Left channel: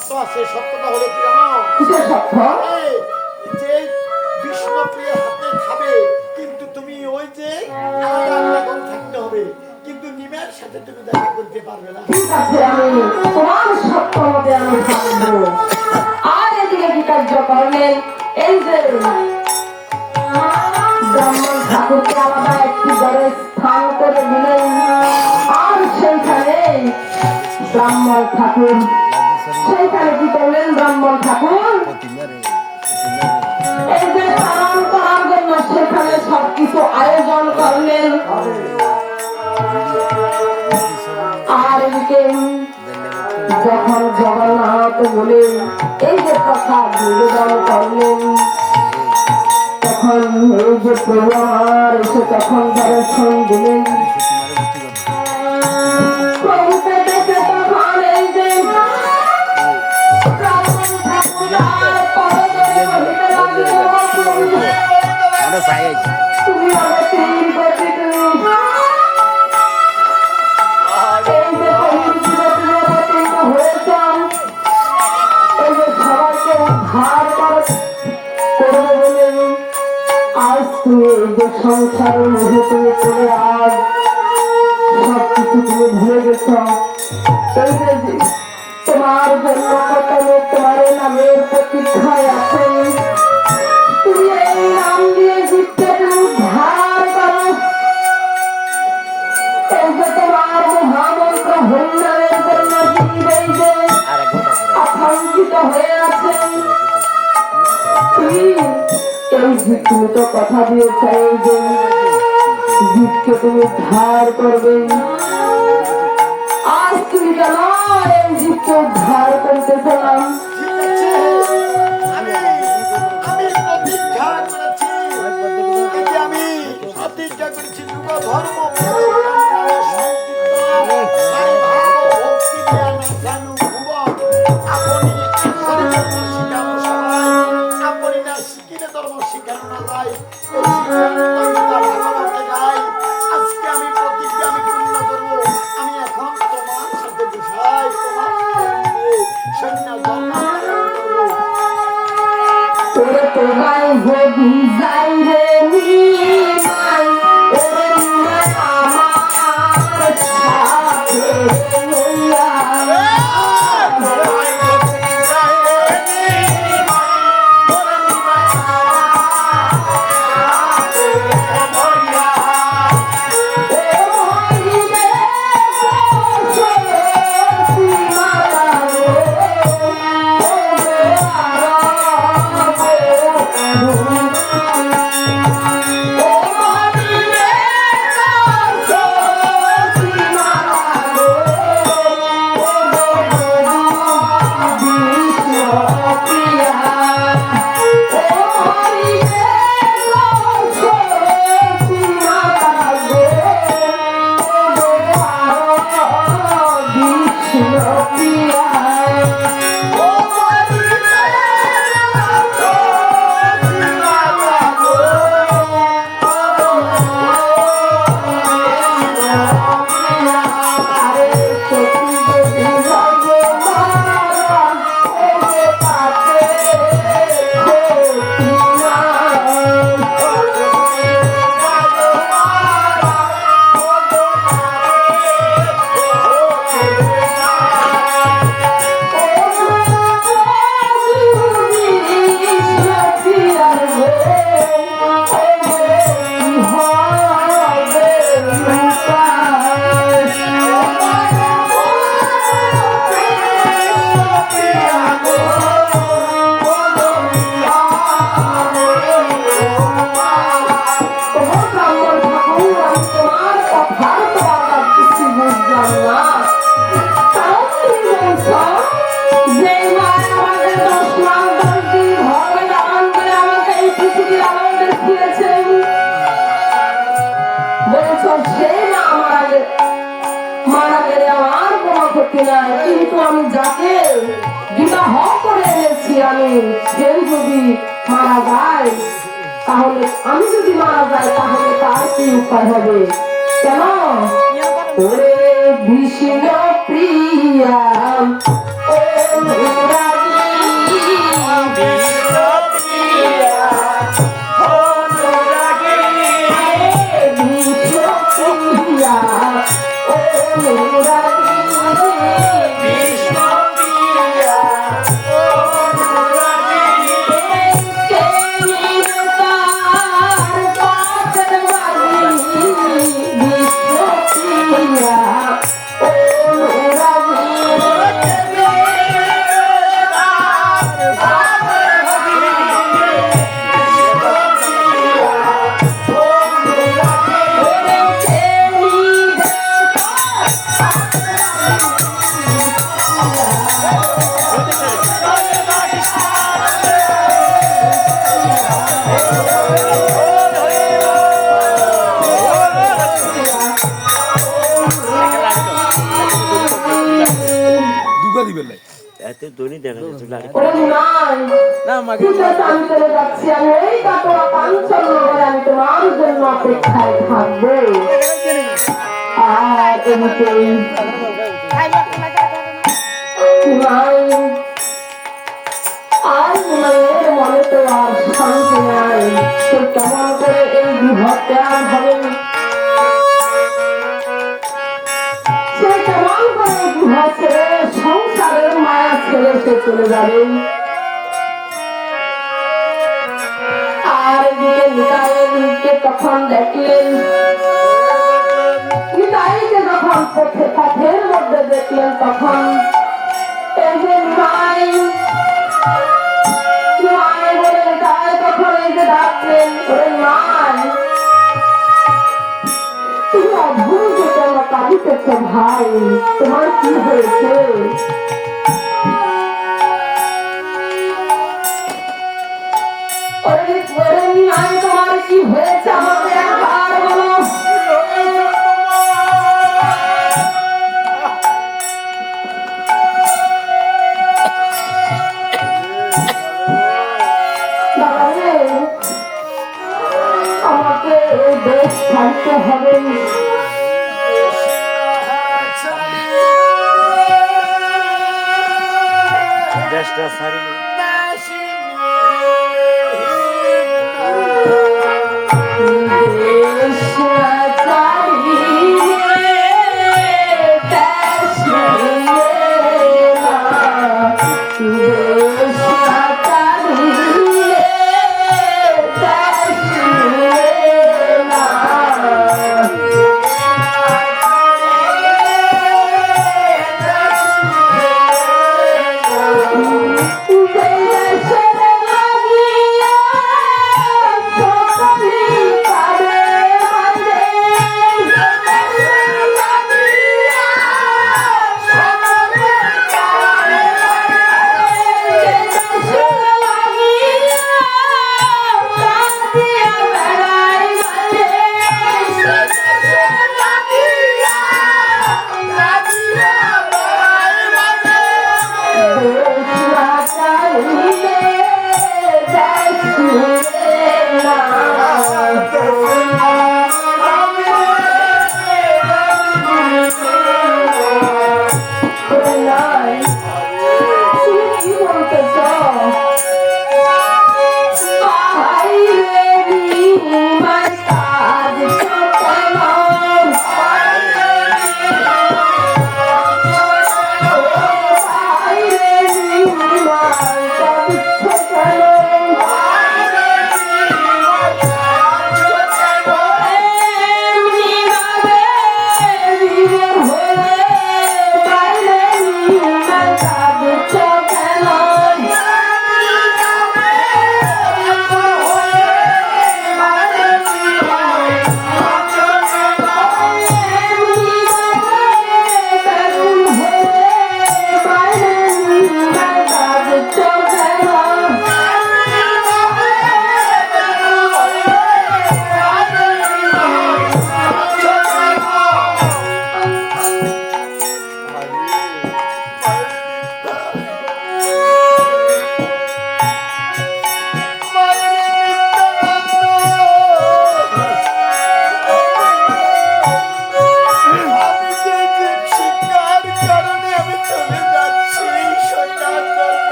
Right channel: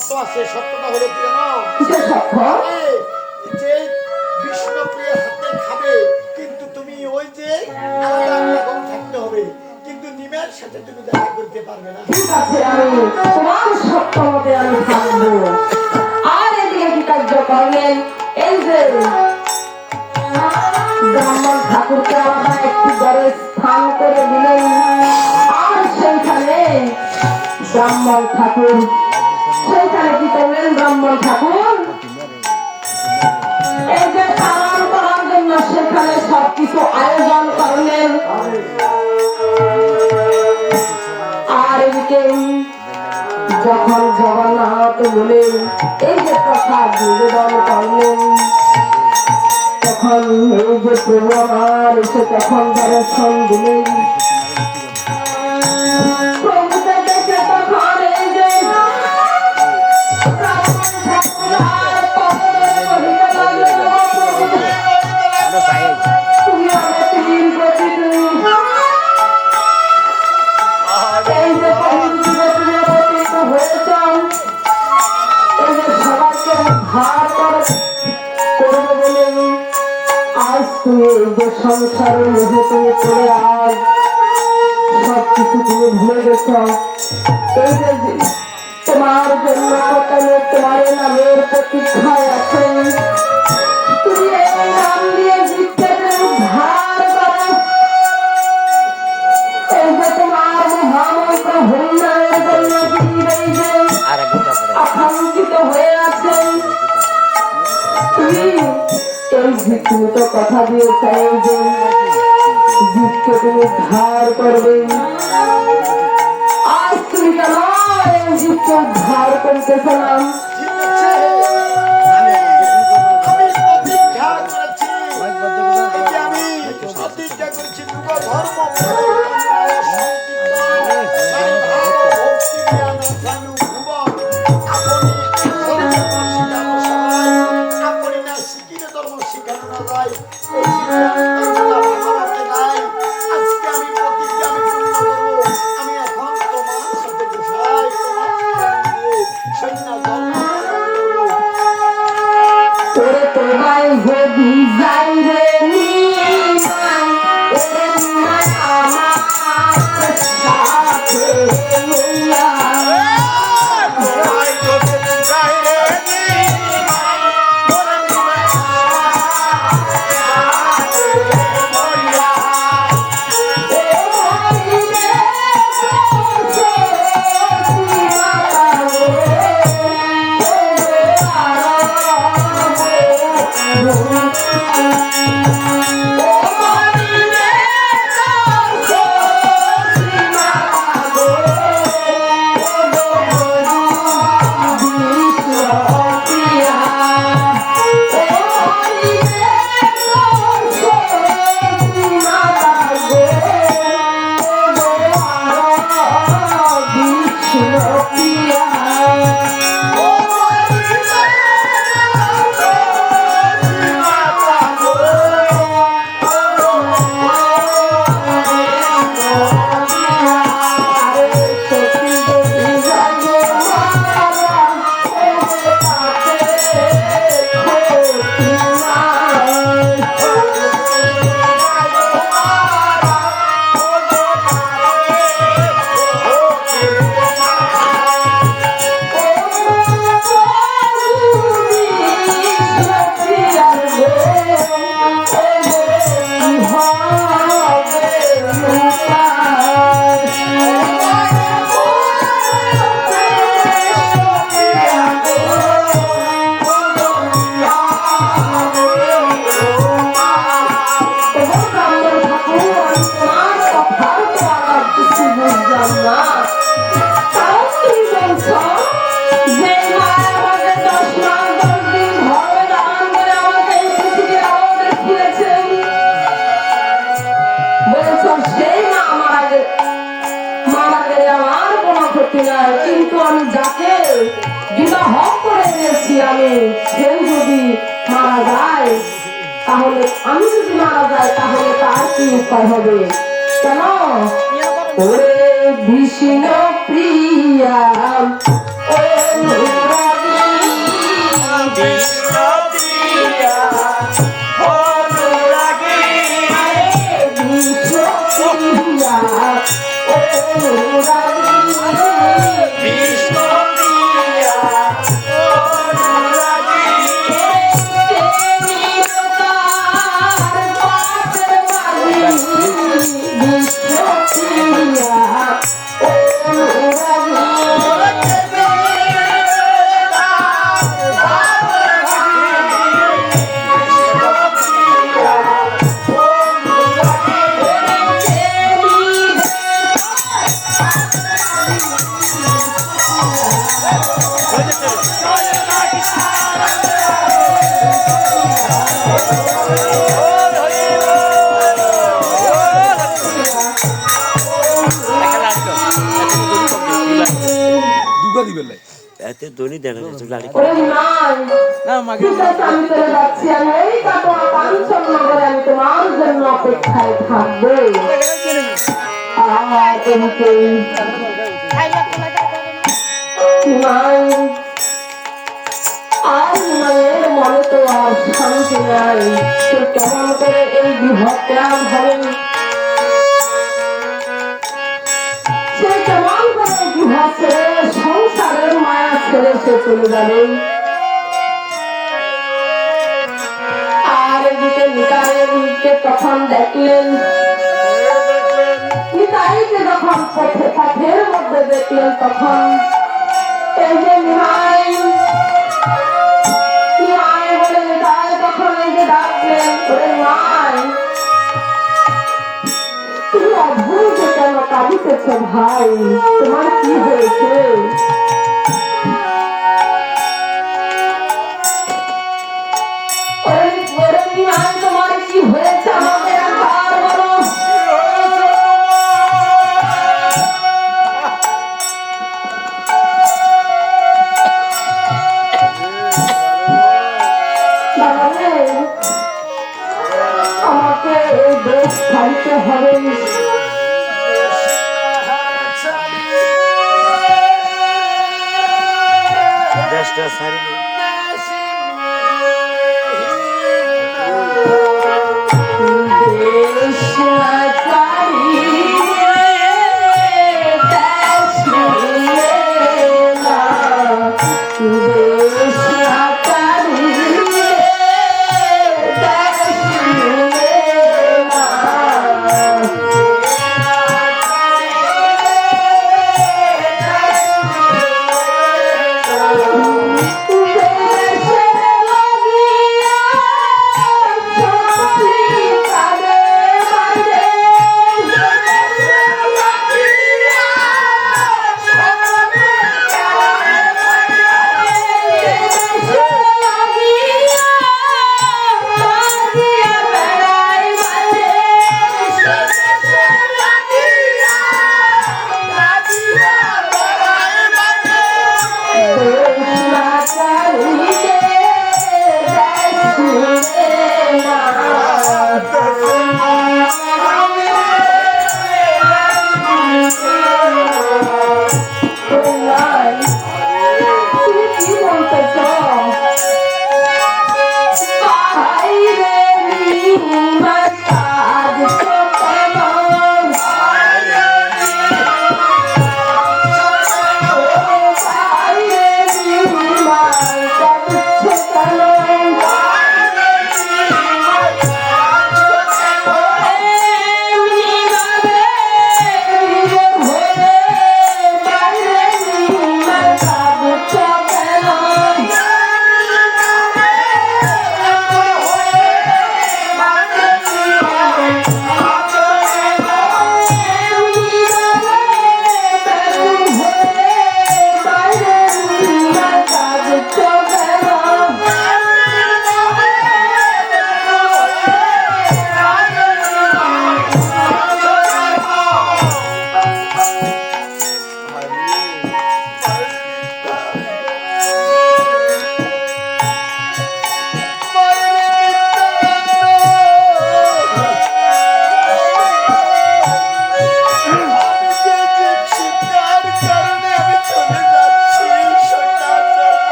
সত্য আছে, সত্যটা হলো কি জানো? যে বিষ্ণুপ্রিয়ার হাতে খাবে, কিন্তু তুমি ওই যে আলাদা আলাদা থাকতে হবে, কিন্তু নিমের সাথে তুমি দেখা করতে পারবে না। ঠিক আছে, আমি তোমার সত্য মতে আমি থাকবো। আর এদিকে কি কার্য করলেন? এই যে ব্রাহ্মণ ঠাকুরকে আলাদা একটি ঘরে স্থান করে দিলেন। আর সেইখানে ব্রাহ্মণ ঠাকুর সেইখানে কি করলেন? ব্রাহ্মণ ঠাকুর এই যে পালন করার জন্য সেখানে সবকিছু আয়োজন করলেন। আর এদিকে যখন জগন্নাথ বলেন এই যে প্রসাদ নিবেদন করলেন, তখন এই যে প্রভু আমার এসে তখন দর্শন দিলেন। প্রভুকে দেখে তখন এই যে ব্রাহ্মণ ঠাকুর আর পদতলে বহিতে লাগলেন, তুমি আমাকে তীর গতি তুমি এই যে হয়েছ, এই যে সবাইকে উদ্ধার করবে বলে আজ তুমি এই যে সংসারের মধ্যে তুমি করে আজ সবকিছু তুমি ভুলে গেছ। এই যে তোমার জন্য তোমার নামের প্রতীক্ষায় আছে, তুমি এই নাম দিয়ে জিততে উদ্ধার করো। এই যে তোমার মহামন্ত্র হরিনামের জন্য এই যে আকাঙ্ক্ষিত হয়ে আছেন, তুমি এই তুমি তো কথা দিয়েছ এই যে জিতকে তুমি উদ্ধার করবে। আজ তুমি কেন এই জিতকে উদ্ধার করতেছ না? কিন্তু আমি যাকে বিবাহ করে এনেছি আমি সে যদি মারা যায়, তাহলে আমি যদি মারা যাই তাহলে তার কি উপায় হবে? কেন ওরে বিষ্ণু প্রিয়া বাড়ি বেলায় এতে দড়ি দেখা যাচ্ছে গাড়ি ওরে নাই না মাকে ঠিক আছে, আমি চলে যাচ্ছি। আমি এই কাটোয়া কাঞ্চন নগরে আমি তোমার জন্য অপেক্ষায় থাকবো। আর এদিকে নাই, আর মায়ের মনে তো আর শান্তি নাই। সে কেমন করে এই বিভা ত্যাগ হবে, সে কেমন করে বিভা ছেড়ে সংসারের মায়া ছেড়ে সে চলে যাবে। আর এদিকে নিতাইকে তখন দেখলেন, নিতাইকে যখন পথের মধ্যে দেখলেন তখন এই যে নিমাই বলে নিতাই তখন এই যে ডাকলেন, ওরে নিমাই তুমি অদ্ভুত কেন কাঁদিতেছ ভাই, তোমার কি হয়েছে? ওরে নিমাই তোমার কি হয়েছে আমাকে একবার বলো। আমাকে এই দেশ ছাড়তে হবে। দেশটা ছাড়বে